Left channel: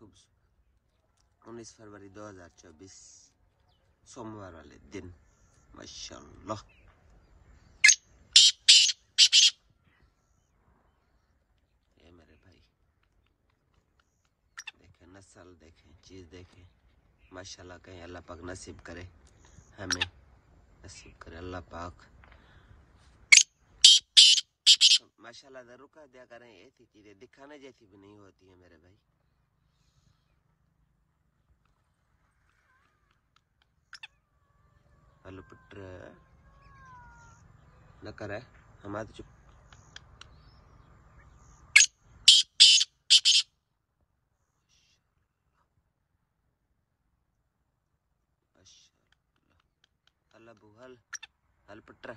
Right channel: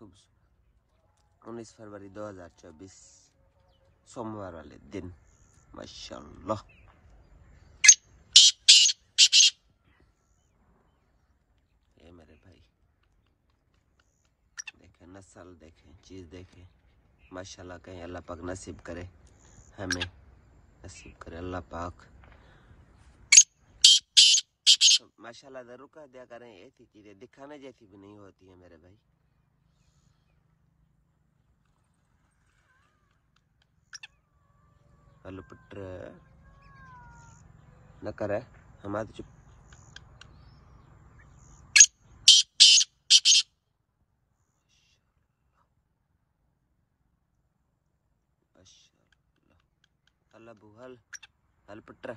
खूबसूरत 19 फरवरी 2024 सोमवार वाले दिन माशाल्लाह। ये मेरे भाई देखें, नस्ल देखें, चीज़ देखें माशाल्लाह। कहीं अल्लाह पाक नसीब करे, हमें नसीब करे अल्लाह पाक। माशाल्लाह जरूर कह दिया करें, ऐसी चीजें दिखाने जैसी भी नहीं होती है मेरे भाई। हेलो पुत्र न करे हमारे चुप। माशाल्लाह। हल पुत्र